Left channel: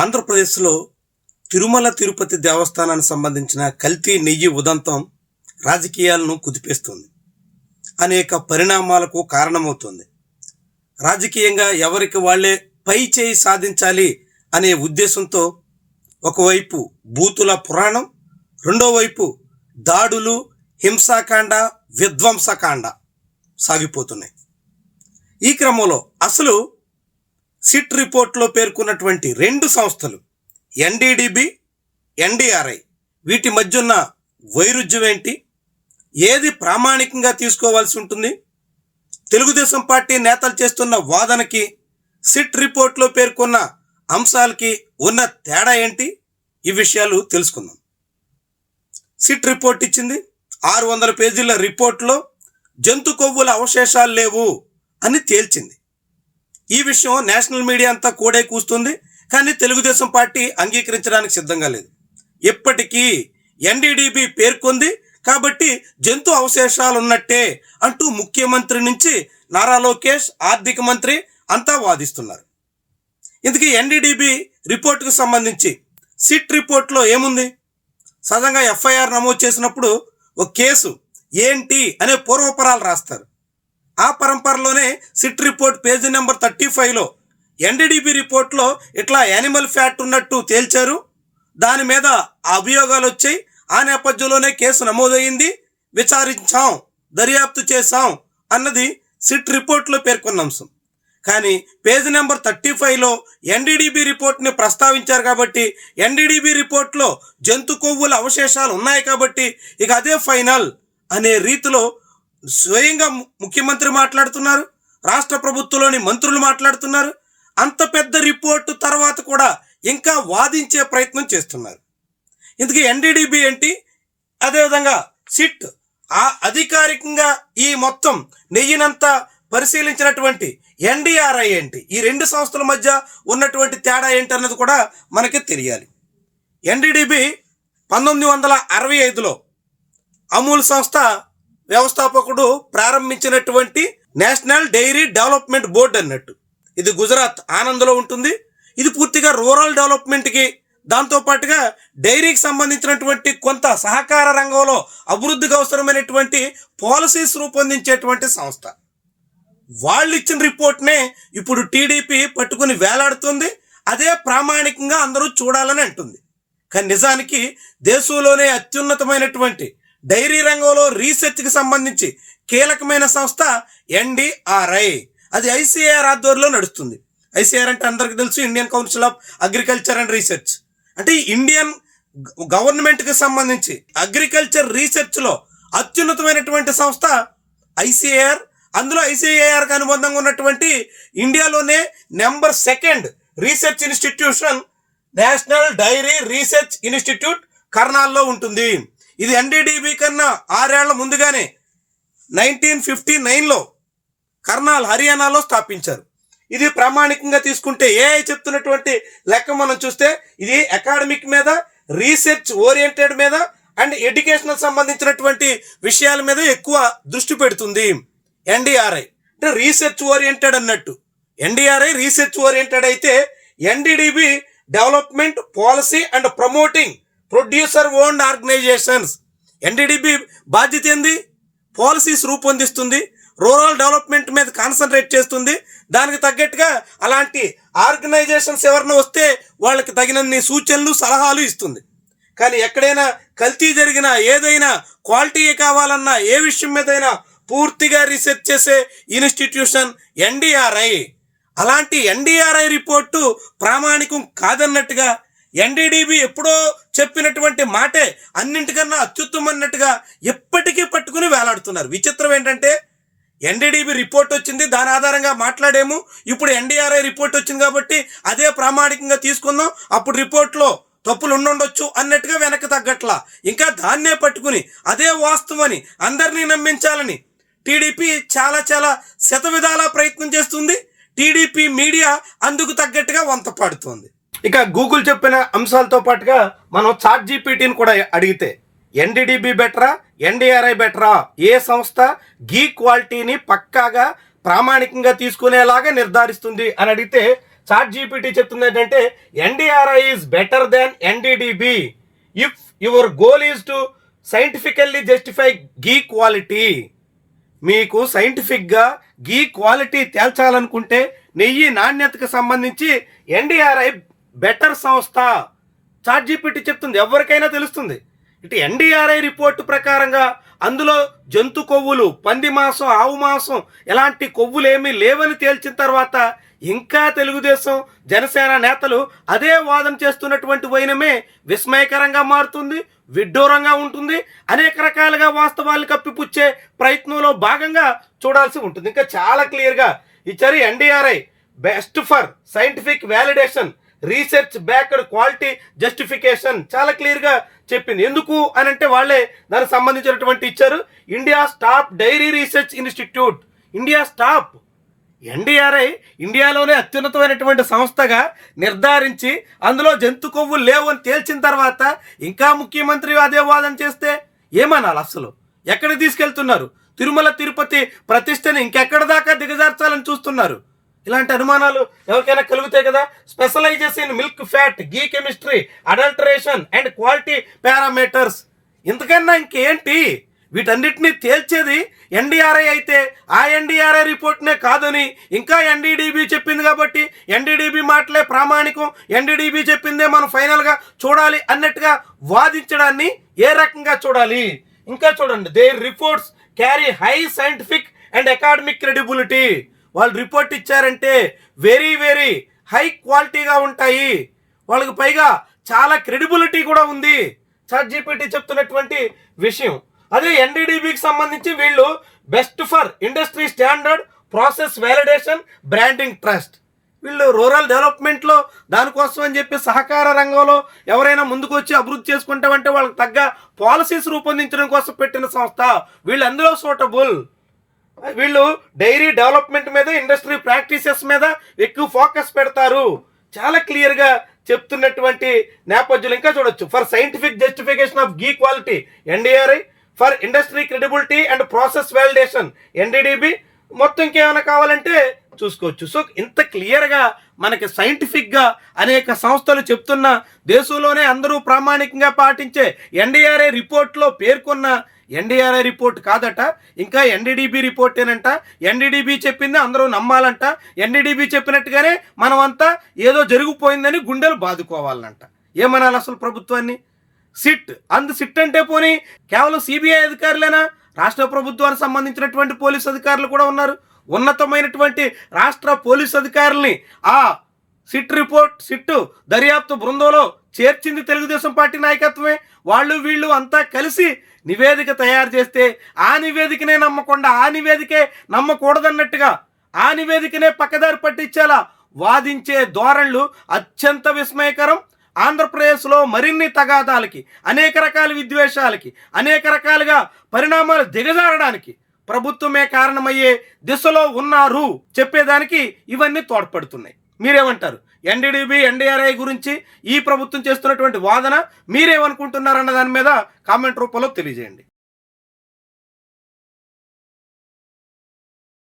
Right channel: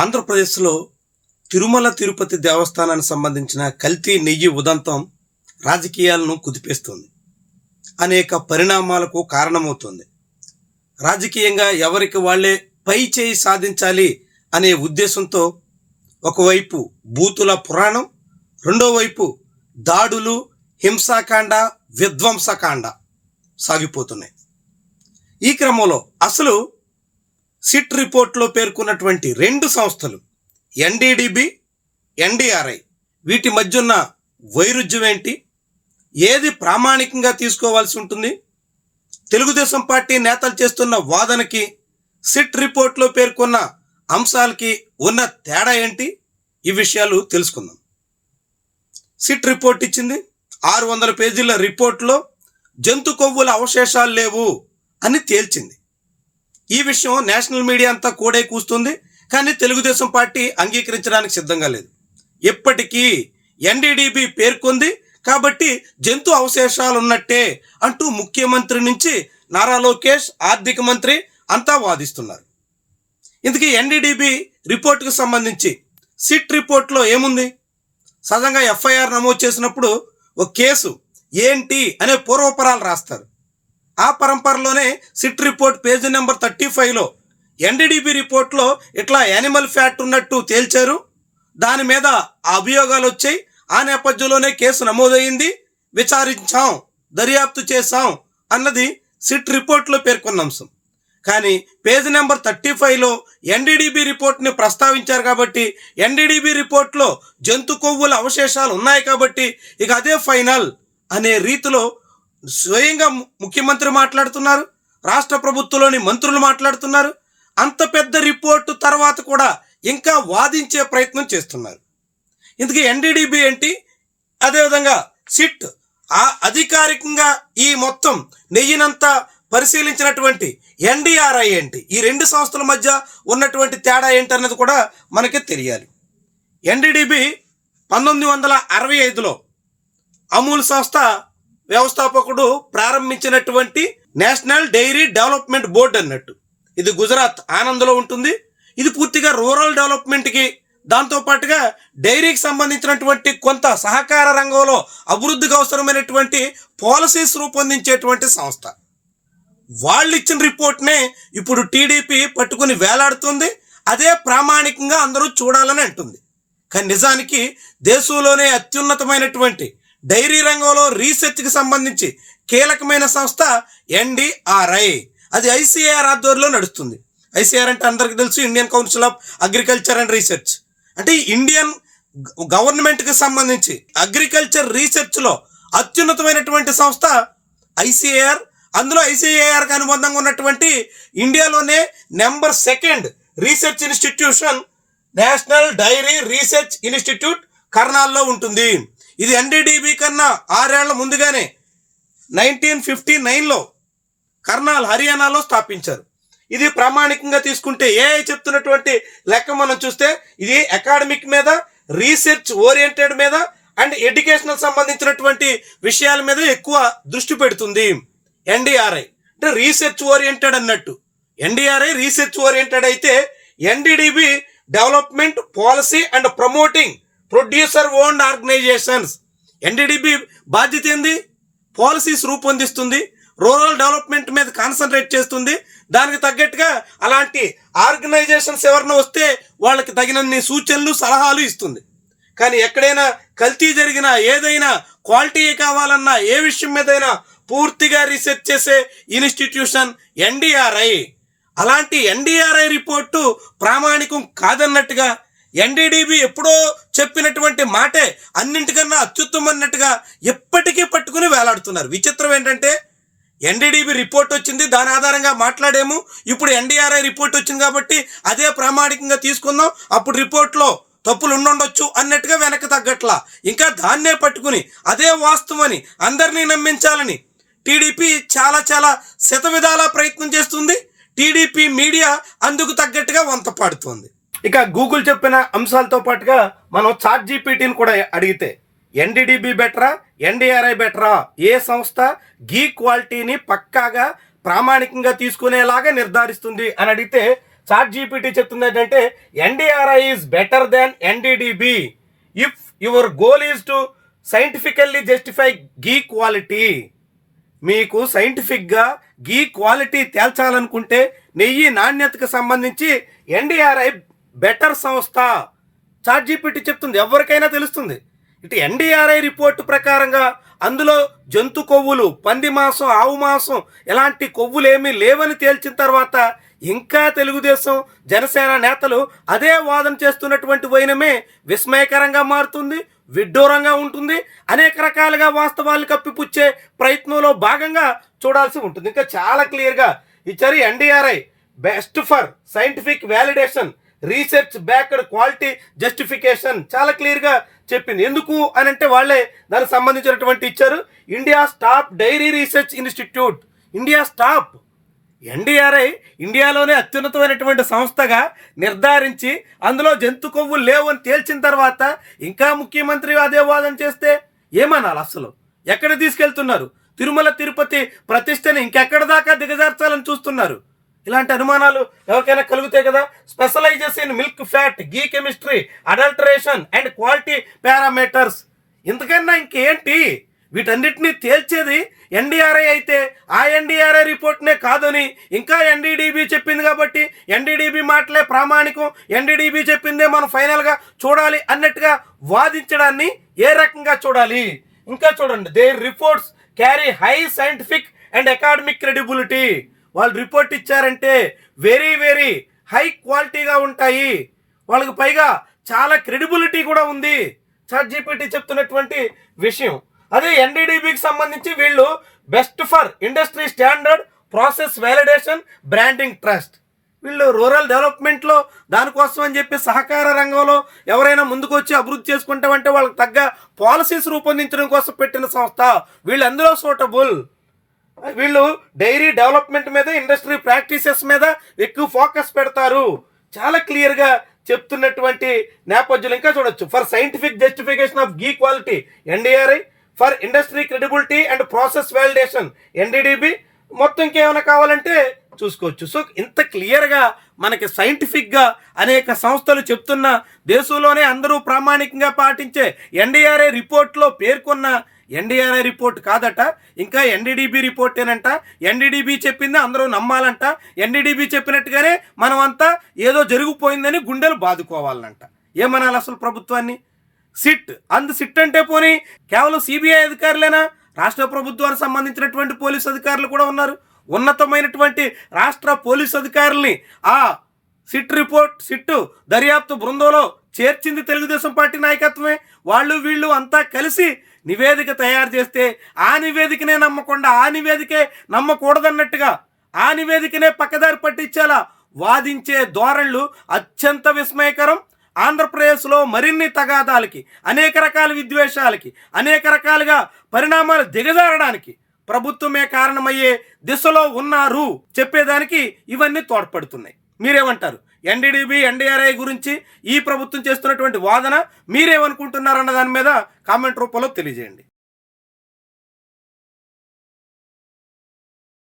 ఆంధ్రప్రదేశ్లో తిరుమల తిరుపతి దేవస్థానానికి సంబంధించిన కల్తీ నెయ్యి ఉదంతం రాజకీయాలను కుదిపేస్తుంది. అనేక పరిణామాలకు కారణమవుతుంది. రాజకీయంగా ఎవరికి వాళ్లే పై చేయి సాధించాలి అనే ఉద్దేశంతో ఒకవైపు బూతుల పురాణం, రెండో వైపు దాడులు, హింసాకాండ, విధ్వంసకాండ సాగిపోతున్నాయి. ఈ క్రమంలో అసలు సిట్ రిపోర్ట్లో పేర్కొన్నటువంటి రెండు సంస్థలు ఎన్డీడీబీ, ఎన్డీఆర్ఐ వీటి మధ్య ఉన్న వైరుధ్యం ఏంటి? ఏది ప్రామాణికంగా తీసుకోవాల్సి ఉంటుంది? తెలుగుదేశం పార్టీ నేతలు చేస్తున్న వాదనకి సిట్ రిపోర్ట్లో పేర్కొన్న అంశాలకి ఉన్న తేడా ఏంటి? ఈ విషయాలు తెలుసుకుందాం. సిట్ రిపోర్ట్ ఇచ్చింది. 600 పేజీల రిపోర్ట్లో జంతు కొవ్వుల అవశేషాలు లేవు అని తేల్చింది. ఈ విషయం నేషనల్ మీడియా అంతా కూడే కూస్తుంది, కానీ తెలుగుదేశం పార్టీ అంగీకరించడానికి సిద్ధంగా లేదు. ఎప్పటికీ ఎన్డీడీబీ పేర్కొంది కాబట్టి జంతు అవశేషాలు ఉన్నట్టే అంటూ ముఖ్యమంత్రి నుంచి నారా లోకేష్, ఆర్థిక మంత్రి అంతా వాదిస్తున్నారు. ఇందుకే ఎన్డీడీబీ రిపోర్టుకు సంబంధించి సిట్ రిపోర్ట్లో ఏముంది? సహజంగా ఎఫ్ఐఆర్ నమోదు చేసినప్పుడు ఒక కేసు ఏంటి అనే పూర్వపరాలు రాస్తారు. ఆ పరంపరలోనే సిట్ రిపోర్ట్ పేజీ నెంబర్ 35లో ఎన్డీడీబీ రిపోర్ట్లో ఇట్లా యానిమల్ ఫ్యాట్ ఉన్నట్టు తేల్చారు, దాని మీద అభియోగాలు వచ్చాయి, ఆ నేపథ్యంలోనే కేసు నమోదయ్యింది, విచారించాం, దర్యాప్తు చేశాం అన్నది సిట్ రిపోర్ట్లో పేర్కొన్న అంశం. కానీ పేజీ నెంబర్ 35లో ఎన్డీడీబీ రిపోర్ట్ని ప్రస్తావించారు కాబట్టి ఎన్డీడీబీ రిపోర్ట్లో జంతు కొవ్వుల అవశేషాలు ఉన్నాయి కాబట్టి ఇక అదే ఫైనల్ అనే రీతిలో స్వయంగా ముఖ్యమంత్రి మాట్లాడుతున్నారు, రాష్ట్ర ప్రభుత్వంలోని మంత్రులు మాట్లాడుతున్నారు. అంత పెద్ద రిపోర్టు తర్వాత కూడా ఇంకా వాదించే ప్రయత్నం చేస్తున్నారు. ఇందుకే ఎన్డీడీబీ ఏంటి, అదేవిధంగా సిట్ అధికారికంగా ఈ మొత్తం నెయ్యినంతా పరిశీలించినటువంటి ఎన్డీఆర్ఐ ఏంటి, ఈ రెండు సంస్థల మధ్య ఉన్నటువంటి తేడా ఏంటి అన్నది కూడా మనకి తెలియాలి. ఎన్డీడీబీ 1965లో అమూల్ సంస్థ వ్యవస్థాపకుడు ప్రారంభించినటువంటి నేషనల్ డైరీ డెవలప్మెంట్ బోర్డు అన్నట్టు. ఇది గుజరాత్ ఆనంద్లో ఉంటుంది. ఇది పూర్తిగా రూరల్ డెవలప్మెంట్కి, దాంతోపాటుగా డైరీకి సంబంధించినటువంటి కొంత సహకార రంగంలో అభివృద్ధికి అవసరమైనటువంటి పాలసీస్ రూపొందించేటువంటి సంస్థ. వాళ్ళు ఇచ్చిన రిపోర్ట్నే ఇప్పుడు టీడీపీ పట్టుకుని వేలాడుతుంది. అదే ప్రామాణికంగా అందరూ చూడాలని అంటుంది. కానీ నిజానికి దేశంలోనే అత్యున్నతమైనటువంటి డైరీ రంగంలో రీసెర్చ్కి సంబంధించి కీలకమైన సంస్థ ఎన్డీఆర్ఐ. అది ఐసీఏఆర్ ఆధ్వర్యంలో నడుస్తుంది. ఐసీఆర్ అంటే అందరికీ తెలుసు, Indian council of agriculture and research. అంటే ఇండియన్ గవర్నమెంట్కి సంబంధించి అగ్రికల్చర్ రీసెర్చ్లో అత్యున్నతమైనటువంటి సంస్థ ఐసీఏఆర్. అందులో ఐసీఏఆర్కి అనుబంధంగా ఉన్నటువంటి ఇండియాలోనే number 2 research institution national dairy research institute కర్నాల్లో ఉంటుంది. ఇది ఎన్డీడీబీ కన్నా 6 ఏళ్ల ముందుగానే 1959లో కర్నాల్, హర్యానాలో స్థాపించారు. ఇది ప్రామాణికంగా తీసుకుంటే ఏఐ చెప్తున్నటువంటి లెక్క మనం చూస్తే ఇది అకాడమిక్ మీద, రీసెర్చ్ ఓరియంటెడ్ మీద అండ్ ఎడ్యుకేషనల్ సంబంధించినటువంటి విషయాల మీద ఎక్కువ దృష్టి పెడుతుంది. ఎన్డీఆర్ఐ అంటే రీసెర్చ్ ఓరియంటెడ్ అన్నట్టు. ఎన్డీఆర్ఐ రీసెర్చ్ ఓరియంటెడ్ అయితే NDDB development policy and promoting producer owned organizations. NDDB బాధ్యత ఏంది? పాలసీస్ రూపొందిస్తుంది, రూరల్ డెవలప్మెంట్ మీద కాన్సన్ట్రేట్ చేస్తుంది. దానికి తగ్గట్టుగా అలాంటి ఆర్గనైజేషన్స్ ఎవరైనా వస్తే వాళ్ళకి తగినన్ని సూచనలు, సలహాలు ఇస్తుంది. కానీ ఎక్కడైనా కల్తీ జరిగినా, ఏదైనా క్వాలిటీ కావాలన్నా, ఏ విషయం మీదైనా పూర్తిగా రీసెర్చ్ చేసే ఇన్స్టిట్యూషన్ ఎన్డీఆర్ఐ. అలాంటి ఎన్డీఆర్ఐ రిపోర్టు ప్రామాణికం కాదన్నట్టుగా ఎన్డీడీబీ ఎప్పుడో చెప్పినటువంటి మాటే అన్నింటికన్నా అత్యుత్తమన్నట్టుగా ఎప్పటికీ పట్టుకుని వేలాడుతున్నారు. విచిత్రం ఏంటంటే ఎన్డీడీబీ రిపోర్ట్ వచ్చింది, దాని ఆధారంగా మాట్లాడేము. ఇప్పుడు ఎన్డీఆర్ఐ రిపోర్ట్ వచ్చింది కాబట్టి అదే ప్రామాణికంగా తీసుకుందాం, అప్పుడు రిపోర్ట్లో తప్పులు ఉండొచ్చు అన్నట్టుగా వెనక్కి తగ్గట్లా ఇంకా దాన్నే పట్టుకుని అదే వాస్తవని అందరినీ నమ్మించాలని టీడీపీ చాలా శతవిధాలా ప్రయత్నం చేస్తుంది. టీడీపీ మీడియా అందుకు తగ్గట్టుగా వంత పాడుతోంది. ఇక గూగుల్ చెప్పిన అంశాలతో పాటుగా మనం చాట్ జీపీటీని కూడా అడిగితే ఎన్డీడీబీ బెటరా, ఎన్డీఆర్ఐ బెటరా, ఏ సంస్థ గీ క్వాలిటీని పక్కాగా ప్రామాణికంగా తీసుకునేలాగా నిర్ధారిస్తుంది అని అడిగితే చాట్ జీపీటీ చెప్తుంది ఏంటంటే NDRI is better than NDDB if your goal is to scientifically justify ghee quality. మీకు సైంటిఫిక్గా గీ క్వాలిటీ తేల్చాలనుకుంటే నెయ్యి నాణ్యతకు సంబంధించి ఎన్డీఆర్ఐ బెటర్ సంస్థ. చాట్ జీపీటీ చెప్తుంది, ఎవరికైనా తెలుస్తుంది. ఇటు ఎన్డీఆర్ఐ రిపోర్టు ప్రకారంగా అందులో జంతు కొవ్వులు, పంది మాంసం, ఆవు మాంసం ఎలాంటి కొవ్వులు ఏమీ లేవని తేల్చిన తర్వాత ఇంకా తెలుగుదేశం జనసేన నేతలు అదే వాదన చేస్తున్నటువంటి వైనమే విస్మయకరంగా మారుతుంది, విడ్డూరంగా ఉంటుంది. అనేక రకాలుగా వాస్తవాలు కప్పిపుచ్చే ప్రయత్నంలో భాగంగా చూడాల్సి ఉంటుంది. ఇంకా చాలా క్లియర్గా ఇచ్చారు. NDRI best for scientific validation, research backed quality justification చాలా క్లియర్గా చెప్పింది. ఎందుకు అని అంటే వాళ్ళే దానికి సంబంధించినటువంటి ఇచ్చారు. India top dairy research institute, India top. NDRI ఇండియాలోనే అత్యున్నతమైనటువంటి సంస్థగా నిర్ధారించి అందులో జంతు కొవ్వులు లేవు అని తేల్చిన తర్వాత ఇంకా ముఖ్యమంత్రి అదే వాదన చేస్తే ఏమనాలి? అసలు ఎక్కడ తీసుకెళ్తున్నారు? తిరుమల తిరుపతి ప్రతిష్టని ఇంకెక్కడ దాకా దిగజార్చాలని చూస్తున్నారు. ఇలాంటి అనుమానాలు ఎవరికైనా కలుగుతాయి కదా. Specialises in milk fat, ghee chemistry, adulteration and quality parameters. ఇంతకన్నా ఇంకేంటి? వీటన్నిటినీ తేల్చేది ఎన్డీఆర్ఐ అయితే ఆ ఎన్డీఆర్ఐ రిపోర్ట్నే కాదని ఇంకా ఎన్డీడీబీ చెప్పింది కాబట్టి ఎన్డీడీబీ మాటలే ప్రామాణికం, ఎన్డీడీబీ చెప్పిందే మనం ఫైనల్గా చూడాలి అన్నట్టుగా వాదించడాన్ని ఏ రకంగా చూడాలి? ఇంకా చూడండి, their reports carry high scientific and academic credibility. వాళ్ళు రిపోర్ట్ ఇచ్చారంటే వెరీ వెరీ హై క్వాలిటీగా ఉంటాయి. వాళ్ళకి పైగా చాలా క్రెడిబిలిటీ కూడా ఉంది. చాట్ జీపీటీ చెప్తున్నటువంటి విషయం. అదే ఎన్డీడీబీకి సంబంధించి వీళ్ళు best for industry standard, process validation, branding trust. వీళ్ళు రూరల్ డెవలప్మెంట్లో దానికోసం అని చెప్పి సహకార రంగంలో ఎవరైనా ముందుకు వచ్చి అభివృద్ధి చేసుకుంటామంటే వాళ్ళకి తగ్గ పాలసీస్ రూపొందించడం కోసం పెట్టిన సంస్థ. వీళ్ళు అందులో సూటబుల్. వీళ్ళు డైరీ డెవలప్మెంట్ మీద, ఇండస్ట్రీ ప్రాక్టీసెస్ మీద ఎక్కువ ఫోకస్ పెడతారు. చాలా క్లియర్గా చెప్తున్నటువంటి నేపథ్యంలో ఇంకా చూడొచ్చు. For scientific justification of ghee quality NDRI, for industry credibility and process validation NDDB. మొత్తం ఇంకేమైనా కావాలంటే చూసుకోవచ్చు. సో ఇంత క్లియర్గా మనకి సైంటిఫిక్గా అనేక సంస్థలు చెప్తున్న, దేశంలోనే అందరూ ప్రామాణికంగా పాటించే ఎన్డీఆర్ఐ రిపోర్ట్లో పేర్కొన్న ఎన్డీఆర్ఐ రిపోర్ట్ కాదట, ఇంకా ఎన్డీడీబీ రిపోర్టేనంట. ఎన్డీడీబీ చెప్పింది అందరూ నమ్మాలంట. ఎన్డీడీబీ చెప్పినట్టుగానే మనమంతా ఏదో జరిగిపోయిందని గుండెలు బాదుకోవాలంట. ఏమనాలి అసలు ప్రభుత్వాన్ని? సిట్ సిట్ అంటే పోనీ కేవలం సిబిఐ అధికారులేనా? రాష్ట్ర ప్రభుత్వానికి సంబంధించినటువంటి పోలీసు అధికారులు కూడా ఉన్నారు. ఉన్నతమైనటువంటి రాష్ట్ర పోలీసు అధికారుల్ని ఆ సిట్ దర్యాప్తు బృందంలో చేర్చింది తెలుగుదేశం పార్టీ నాయకత్వమే. వాళ్ళు వీళ్ళు అంతా కలిసి నివేదిక తయారు చేస్తే ఆ నివేదికనే నమ్మకుండా, ఆ నివేదికే నమ్మకూడదన్నట్టుగా ఆ నివేదికనే పక్కదారి పట్టించేలా వాదించే ధోరణులు అత్యంత విస్మయకరం. ఆంధ్రప్రదేశ్లో మరిన్ని తగాదాలకి, అనేక రకాల విద్వేషాలకి, అనేక రకాలుగా పరిణామాలు దిగజారడానికి ప్రభుత్వమే కారణమయ్యే దిశలో ఉన్నారు చెప్పేదానికి ఇవన్నీ తోడ్పడుతున్నాయి. మీరేమంటారు? ఎన్డీడీబీ, ఎన్డీఆర్ఐ గురించి ఈ ప్రభుత్వం చేస్తున్నటువంటి వాదన మీరేమనుకుంటున్నారన్న దాని మీద కామెంట్ రూపంలో తెలియజేయండి.